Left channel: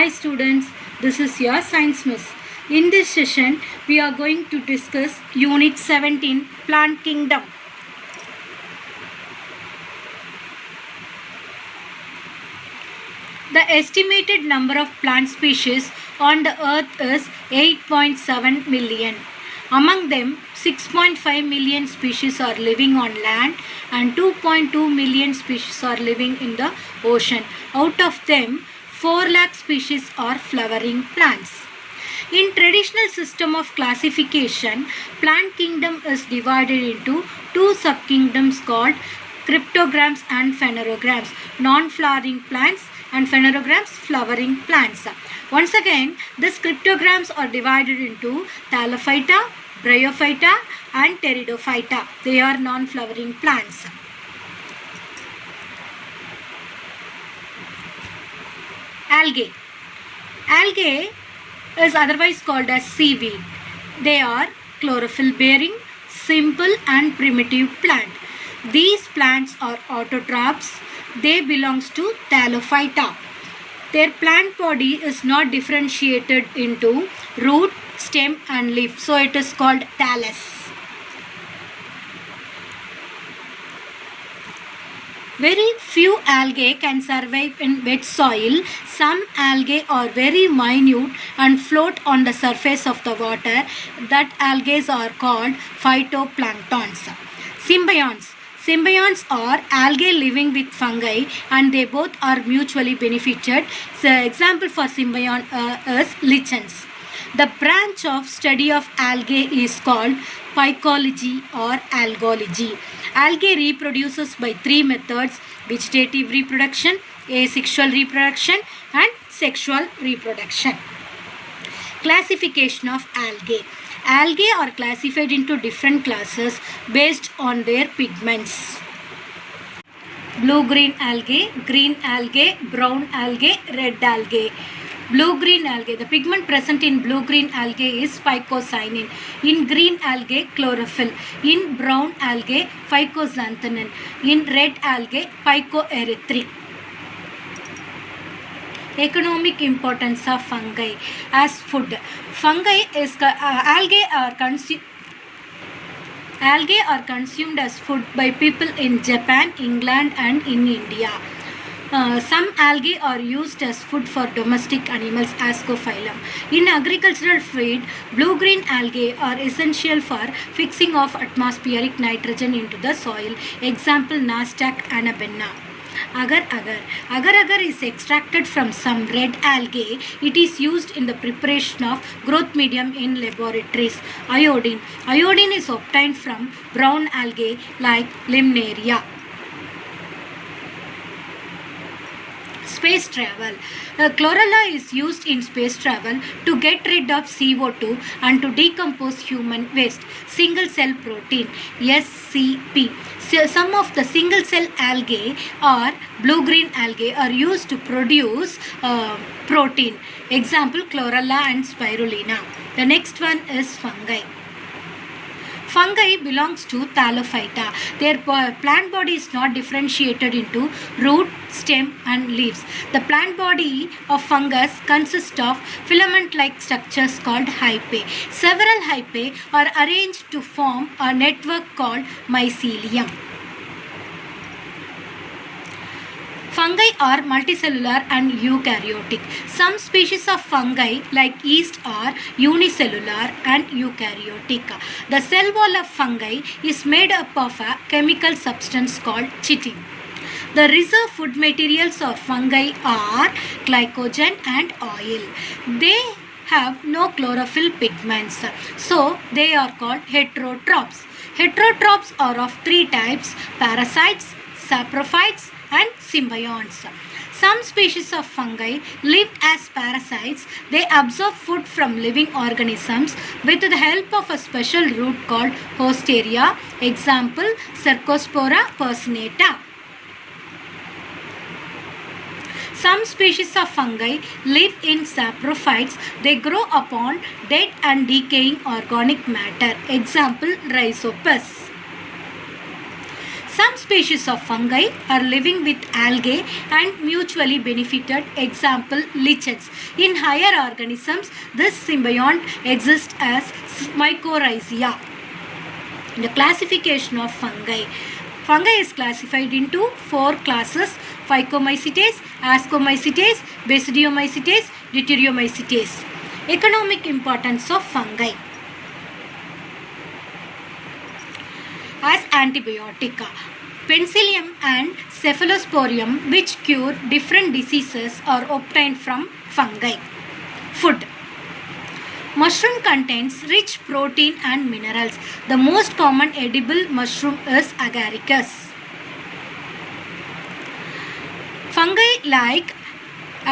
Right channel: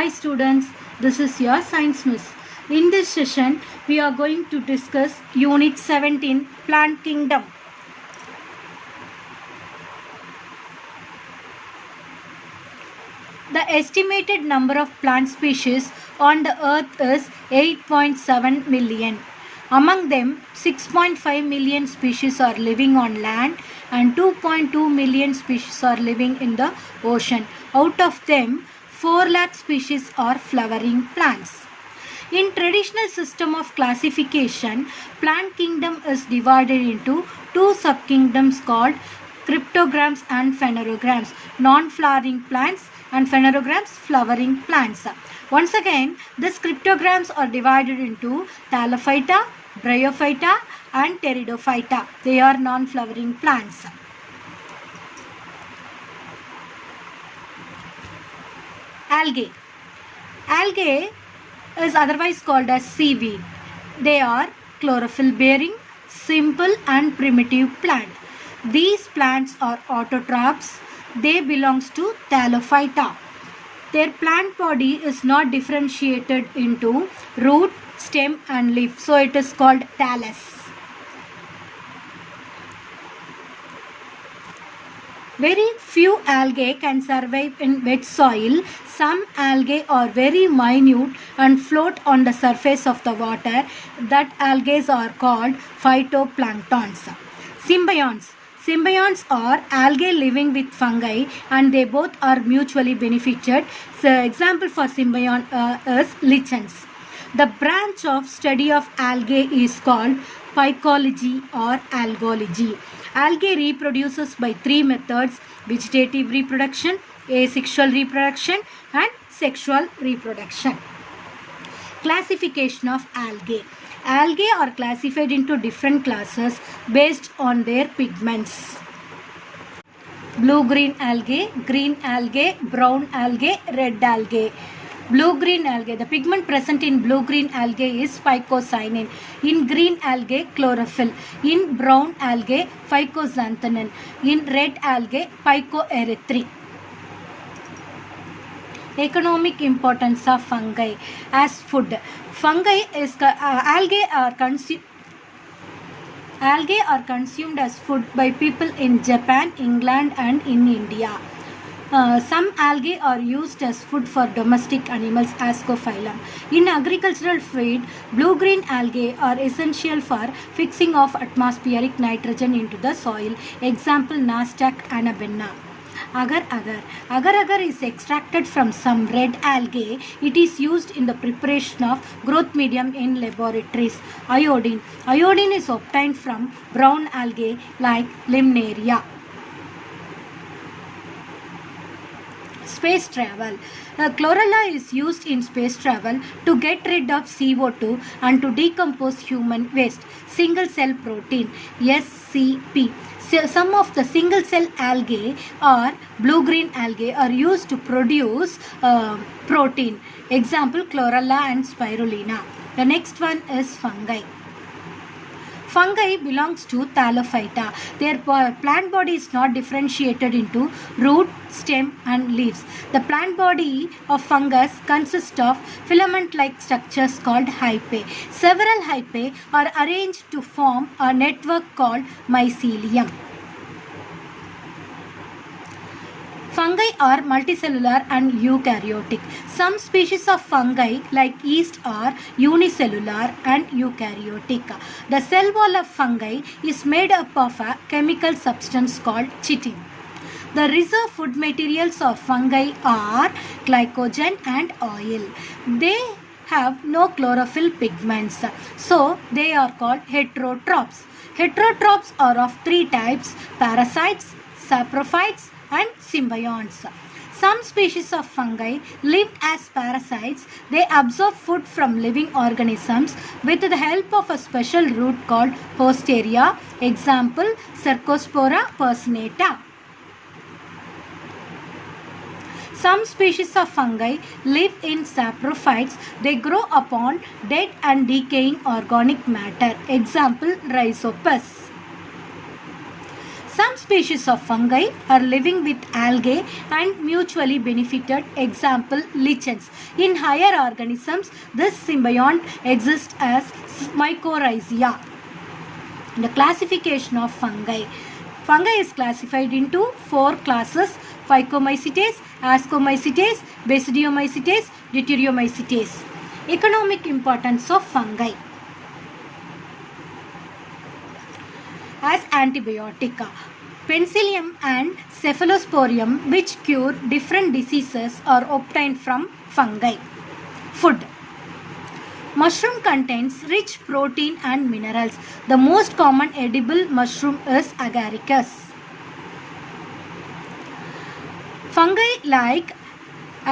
Hi students, this is your science miss. In this session, we are going to discuss Unit 17, Plant Kingdom. The estimated number of plant species on the earth is 8.7 million. Among them, 6.5 million species are living on land and 2.2 million species are living in the ocean. Out of them, 4 lakh species are flowering plants. In traditional system of classification, plant kingdom is divided into two subkingdoms called cryptogams and phanerogams, non-flowering plants and phanerogams, flowering plants. Once again, these cryptogams are divided into Thallophyta, Bryophyta and Pteridophyta. They are non-flowering plants. Algae. Algae is otherwise called as seaweed. They are chlorophyll bearing, simple and primitive plant. These plants are autotrophs. They belong to Thallophyta. Their plant body is not differentiated into root, stem and leaf. So it is called thallus. Very few algae can survive in wet soil. Some algae are very minute and float on the surface of the water. That algae are called phytoplanktons. Symbionts. Symbionts are algae living with fungi and they both are mutually benefited. So, example for symbiont is lichens. The branch of study of algae is called phycology or algology. Algae reproduces by 3 methods: vegetative reproduction, asexual reproduction and sexual reproduction. Classification of algae. Algae are classified into different classes based on their pigments. Blue-green algae, green algae, brown algae, red algae. Blue-green algae. The pigment present in blue-green algae is phycocyanin. In green algae, chlorophyll. In brown algae, phycoxanthin. In red algae, phycoerythrin. Economic importance of fungi as food. Fungi is algae are consumed as food by people in Japan, England and in India. Some algae are used as food for domestic animals, Ascophyllum. In agricultural feed, blue-green algae are essential for fixing of atmospheric nitrogen into the soil. Example, Nasdaq anabenna. Agar-agar is extracted from some red algae. It is used in the preparation of growth medium in laboratories. Iodine. Iodine is obtained from brown algae like Limnaria. Space travel. Chlorella is used in space travel to get rid of CO2 and to decompose human waste. Single cell protein, SCP. So some of the single cell algae or blue-green algae are used to produce protein. Example, chlorella and spirulina. The next one is fungi. Fungi belongs to Thallophyta. Their plant body is not differentiated into root, stem and leaves. The plant body of fungus consists of filament-like structures called hypae. Several hypae are arranged to form a network called mycelium. Fungi are multicellular and eukaryotic. Some species of fungi like yeast are unicellular and eukaryotic. The cell wall of fungi is made up of a chemical substance called chitin. The reserve food materials of fungi are glycogen and oil. They have no chlorophyll pigments, so they are called heterotrophs. Heterotrophs are of 3 types: parasites, saprophytes and symbionts. Some species of fungi live as parasites. They absorb food from living organisms with the help of a special root called hostaria. Example, Cercospora personata. Some species of fungi live in saprophytes. They grow upon dead and decaying organic matter. Example, Rhizopus. Some species of fungi are living with algae and mutually benefited, example lichens. In higher organisms, this symbiont exists as mycorrhizae. The classification of fungi. Fungi is classified into 4 classes: Phycomycetes, Ascomycetes, Basidiomycetes, Deuteriomycetes. Economic importance of fungi. As antibiotic, Penicillium and Cephalosporium, which cure different diseases, are obtained from fungi. Food. Mushroom contains rich protein and minerals. The most common edible mushroom is agaricus. Fungi like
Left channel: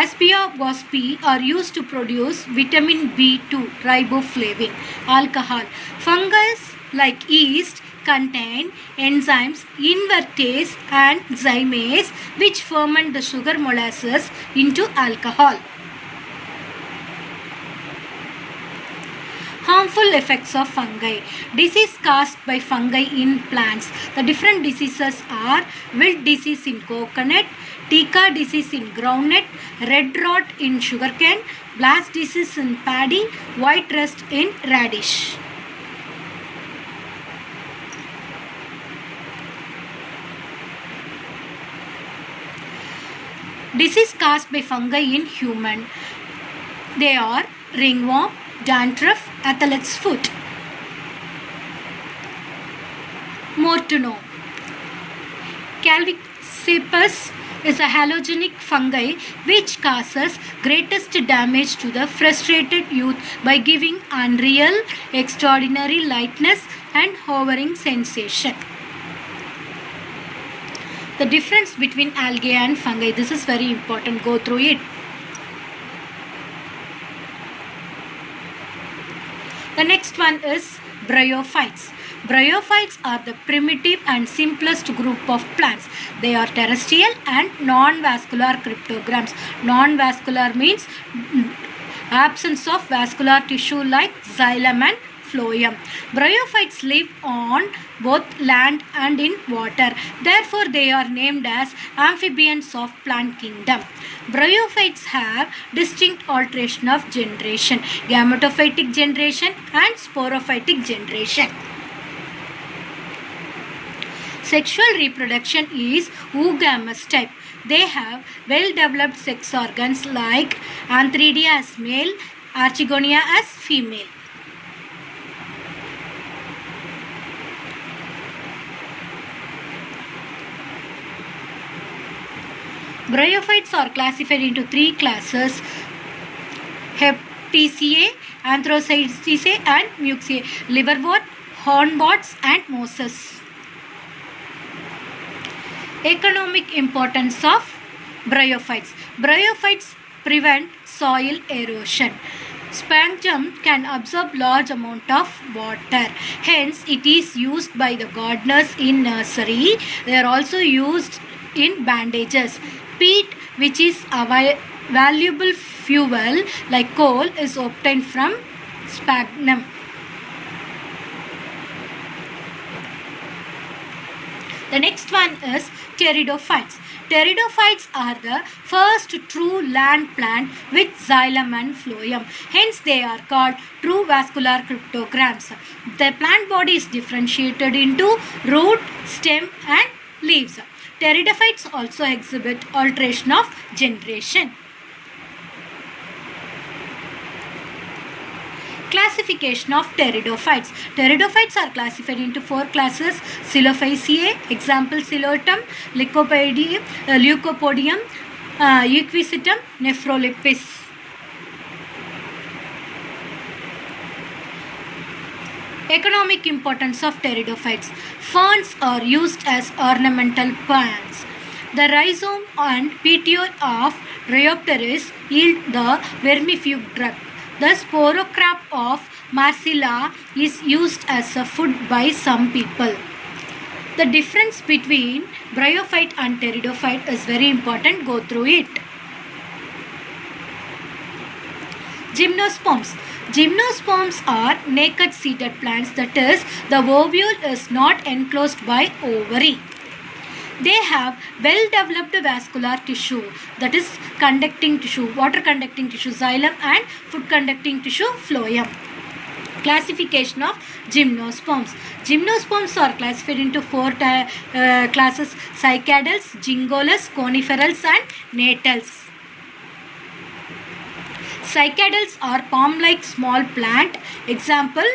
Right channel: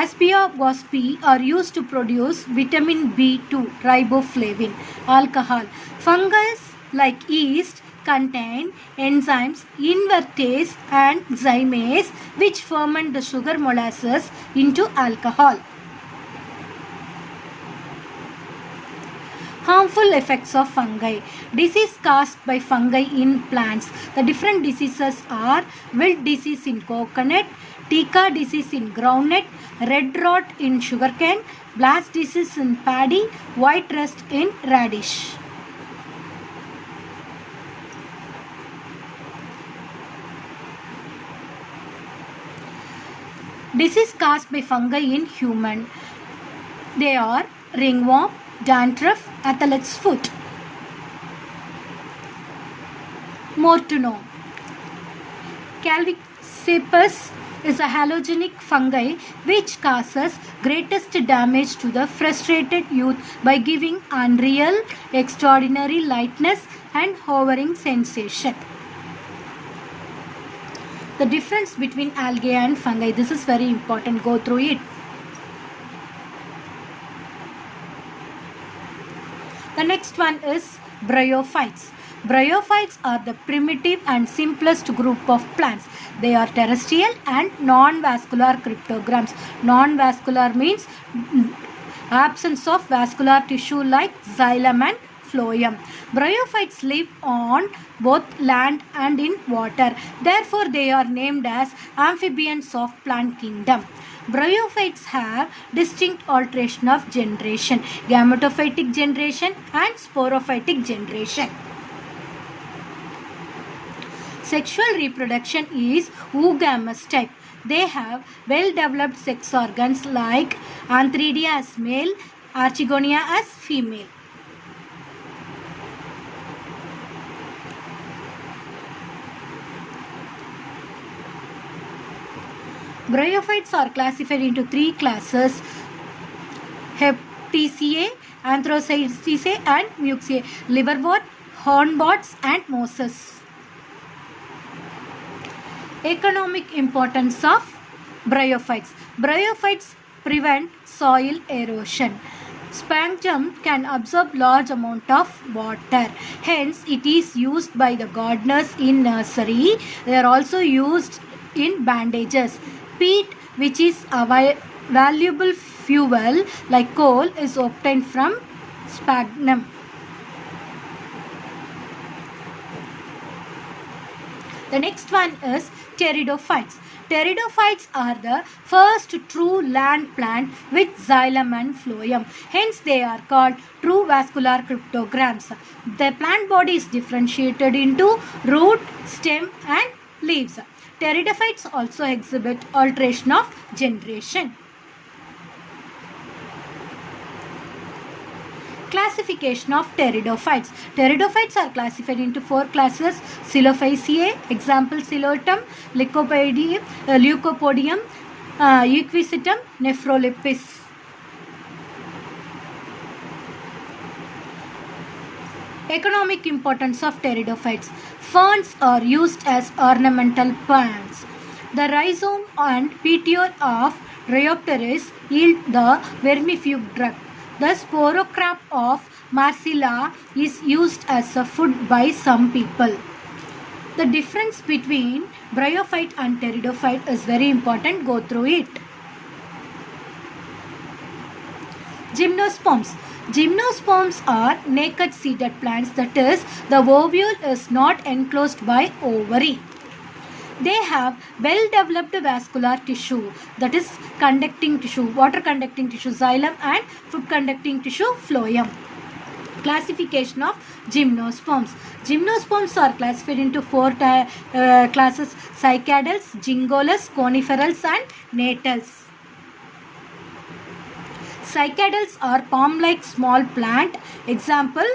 Aspergillus are used to produce vitamin B2, riboflavin. Alcohol. Fungus like yeast contain enzymes invertase and zymase, which ferment the sugar molasses into alcohol. Harmful effects of fungi. Disease caused by fungi in plants. The different diseases are wilt disease in coconut, Tika disease in groundnut, red rot in sugarcane, blast disease in paddy, white rust in radish. Disease caused by fungi in human. They are ringworm, dandruff, athlete's foot. More to know. Calvicipus is a halogenic fungi which causes greatest damage to the frustrated youth by giving unreal, extraordinary lightness and hovering sensation. The difference between algae and fungi. This is very important. Go through it. The next one is bryophytes. Bryophytes are the primitive and simplest group of plants. They are terrestrial and non-vascular cryptogams. Non-vascular means absence of vascular tissue like xylem and phloem. Bryophytes live on both land and in water. Therefore, they are named as amphibians of plant kingdom. Bryophytes have distinct alteration of generation: gametophytic generation and sporophytic generation. Sexual reproduction is oogamous type. They have well-developed sex organs like Antheridia as male, Archegonia as female. Bryophytes are classified into 3 classes: Heptaceae, Anthracoaceae and Muxaceae, liverwort, hornworts and mosses. Economic importance of bryophytes. Bryophytes prevent soil erosion. Sphagnum can absorb large amount of water. Hence, it is used by the gardeners in nursery. They are also used in bandages. Peat, which is a valuable fuel like coal, is obtained from sphagnum. The next one is pteridophytes. Pteridophytes are the first true land plant with xylem and phloem. Hence, they are called true vascular cryptogams. The plant body is differentiated into root, stem and leaves. Pteridophytes also exhibit alteration of generation. Classification of pteridophytes. Pteridophytes are classified into 4 classes: Psilophyceae, example Psilotum, Leucopodium, Equisetum, Nephrolepis. Economic importance of pteridophytes. Ferns are used as ornamental plants. The rhizome and petiole of Rhyopteris yield the vermifuge drug. The sporocrap of Marcella is used as a food by some people. The difference between bryophyte and pteridophyte is very important. Go through it. Gymnosperms. Gymnosperms are naked seeded plants, that is, the ovule is not enclosed by ovary. They have well developed vascular tissue, that is conducting tissue, water conducting tissue xylem, and food conducting tissue phloem. Classification of gymnosperms. Gymnosperms are classified into four classes: cycadals, gingolus, coniferals, and natals. Cycadals are palm-like small plant. Example,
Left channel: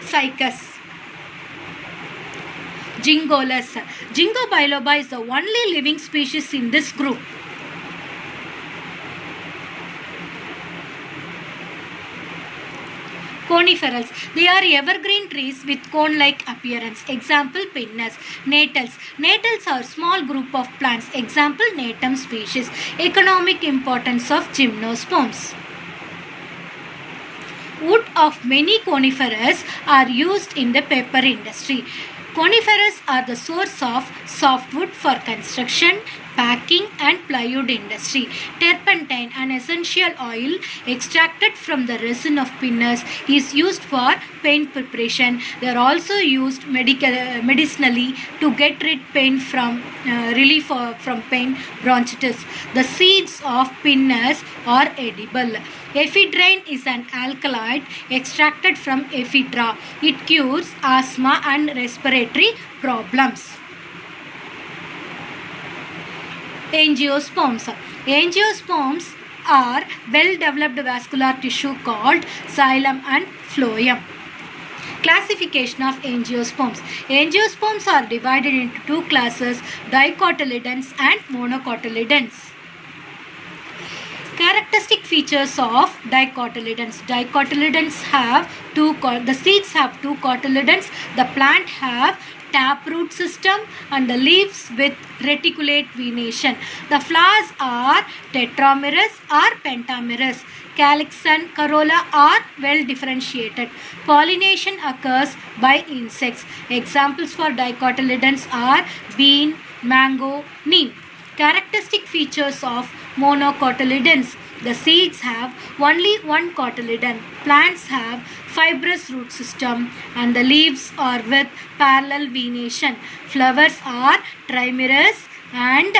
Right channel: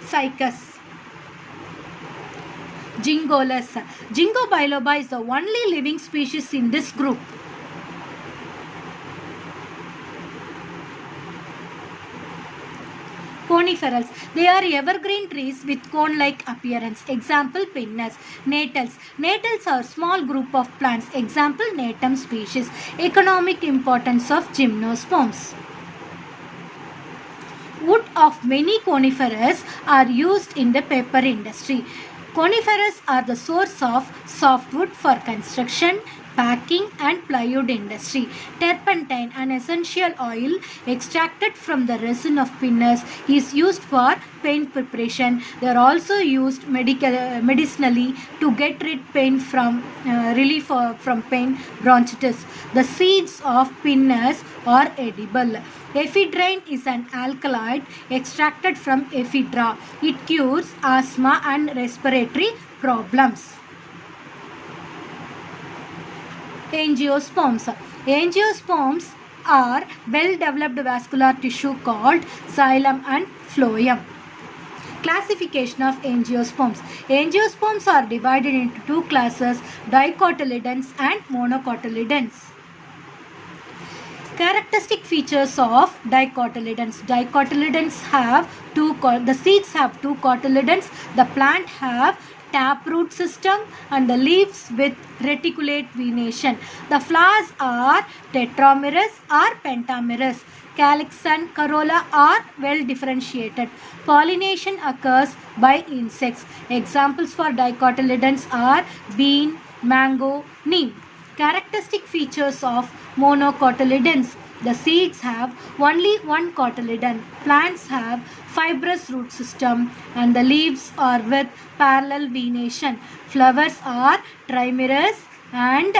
cycas. Gingolus. Ginkgo biloba is the only living species in this group. Coniferals. They are evergreen trees with cone-like appearance. Example, pinus. Natals. Natals are small group of plants. Example, natum species. Economic importance of gymnosperms. Wood of many conifers are used in the paper industry. Conifers are the source of softwood for construction, packing, and plywood industry. Turpentine, an essential oil extracted from the resin of pinus, is used for paint preparation. They are also used medicinally to get rid pain from relief from pain bronchitis. The seeds of pinus are edible. Ephedrine is an alkaloid extracted from ephedra. It cures asthma and respiratory problems. Angiosperms. Angiosperms are well-developed vascular tissue called xylem and phloem. Classification of angiosperms. Angiosperms are divided into two classes: dicotyledons and monocotyledons. Characteristic features of dicotyledons. Dicotyledons have the seeds have two cotyledons. The plant have taproot system and the leaves with reticulate venation. The flowers are tetramerous or pentamerous. Calyx and corolla are well differentiated. Pollination occurs by insects. Examples for dicotyledons are bean, mango, neem. Characteristic features of monocotyledons. The seeds have only one cotyledon. Plants have fibrous root system and the leaves are with parallel venation. Flowers are trimerous and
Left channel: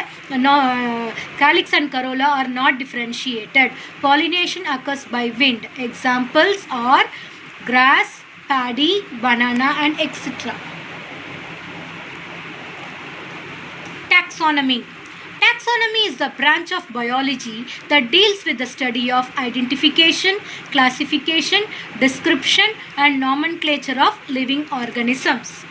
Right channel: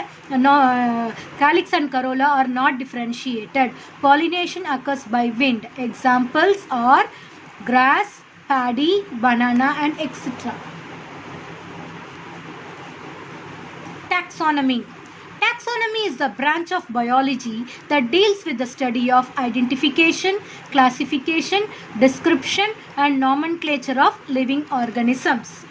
calyx and corolla are not differentiated. Pollination occurs by wind. Examples are grass, paddy, banana, and etc. Taxonomy. Taxonomy is the branch of biology that deals with the study of identification, classification, description, and nomenclature of living organisms.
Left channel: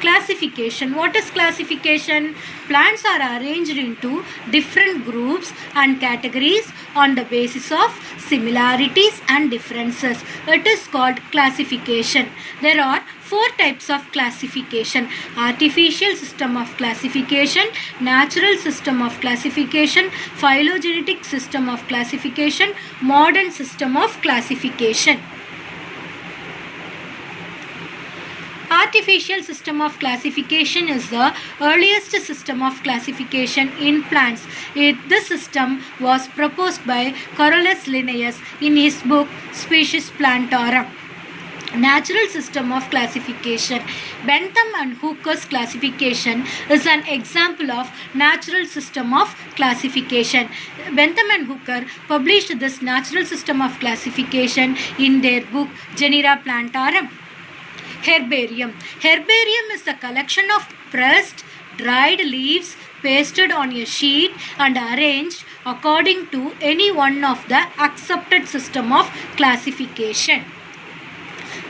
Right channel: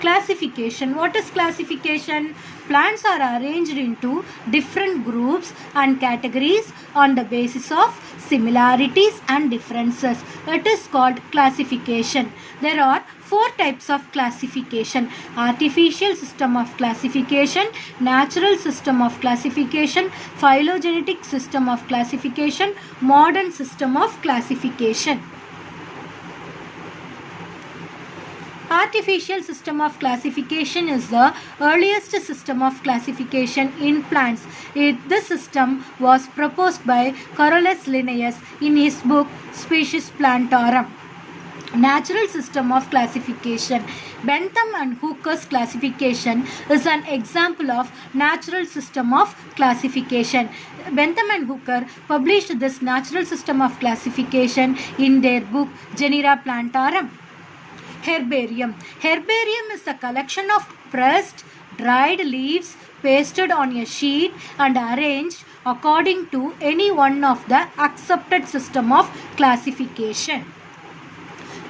Classification. What is classification? Plants are arranged into different groups and categories on the basis of similarities and differences. It is called classification. There are four types of classification: artificial system of classification, natural system of classification, phylogenetic system of classification, modern system of classification. Artificial system of classification is the earliest system of classification in plants. This system was proposed by Carolus Linnaeus in his book Species Plantarum. Natural system of classification. Bentham and Hooker's classification is an example of natural system of classification. Bentham and Hooker published this natural system of classification in their book Genera Plantarum. Herbarium. Herbarium is the collection of pressed, dried leaves pasted on a sheet and arranged according to any one of the accepted system of classification.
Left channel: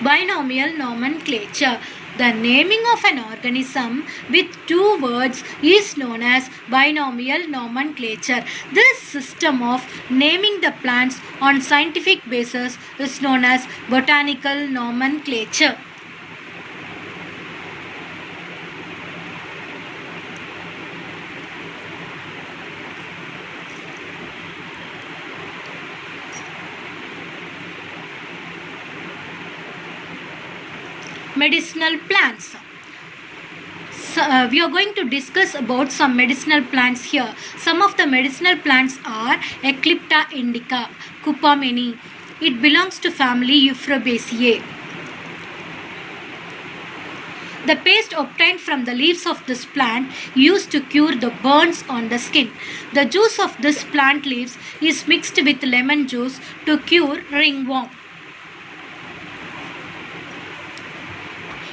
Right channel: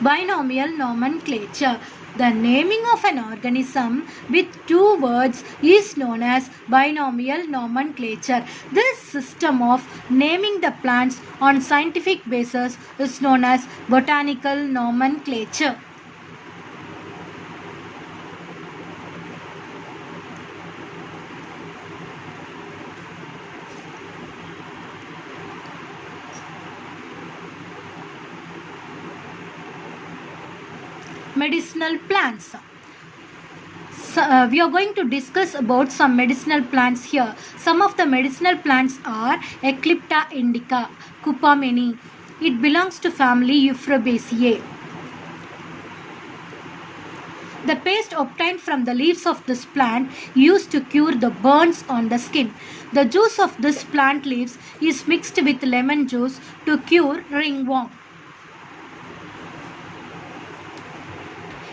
Binomial nomenclature. The naming of an organism with two words is known as binomial nomenclature. This system of naming the plants on scientific basis is known as botanical nomenclature. Medicinal plants. We are going to discuss about some medicinal plants here. Some of the medicinal plants are Eclipta indica, Cupameni. It belongs to family Euphorbiaceae. The paste obtained from the leaves of this plant used to cure the burns on the skin. The juice of this plant leaves is mixed with lemon juice to cure ringworm.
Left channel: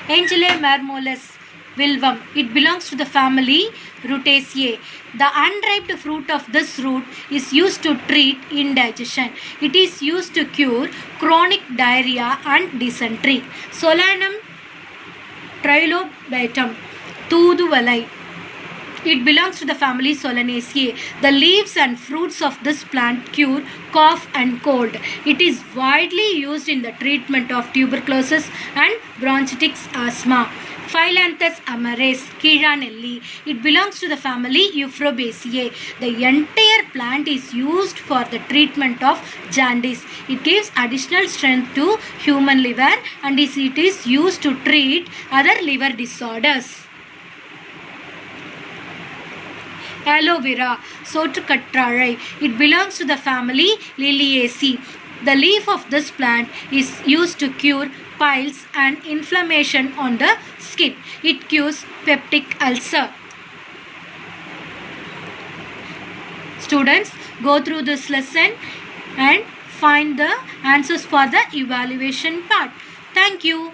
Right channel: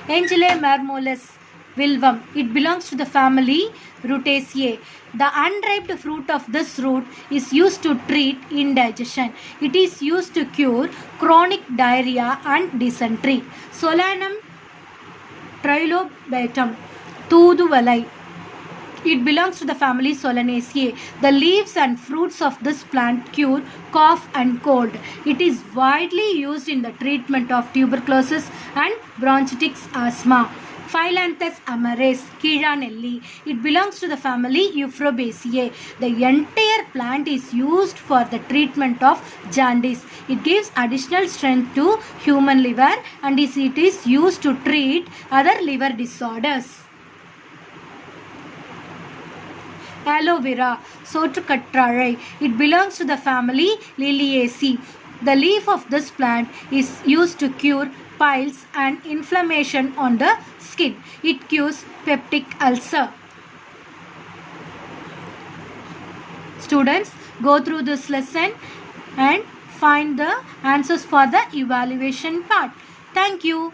Angelae marmoleus Wilvum. It belongs to the family Rutaceae. The unripe fruit of this root is used to treat indigestion. It is used to cure chronic diarrhea and dysentery. Solanum trilobatum Thuduvalai. It belongs to the family Solanaceae. The leaves and fruits of this plant cure cough and cold. It is widely used in the treatment of tuberculosis and bronchitis asthma. Phyllanthus amaris, Kiranelli. It belongs to the family Euphorbiaceae. The entire plant is used for the treatment of jaundice. It gives additional strength to human liver and it is used to treat other liver disorders. Aloe vera, Sotracatrare. It belongs to the family Liliaceae. The leaf of this plant is used to cure piles and inflammation on the skin. It cures peptic ulcer. Students, go through this lesson and find the answers for the evaluation part. Thank you.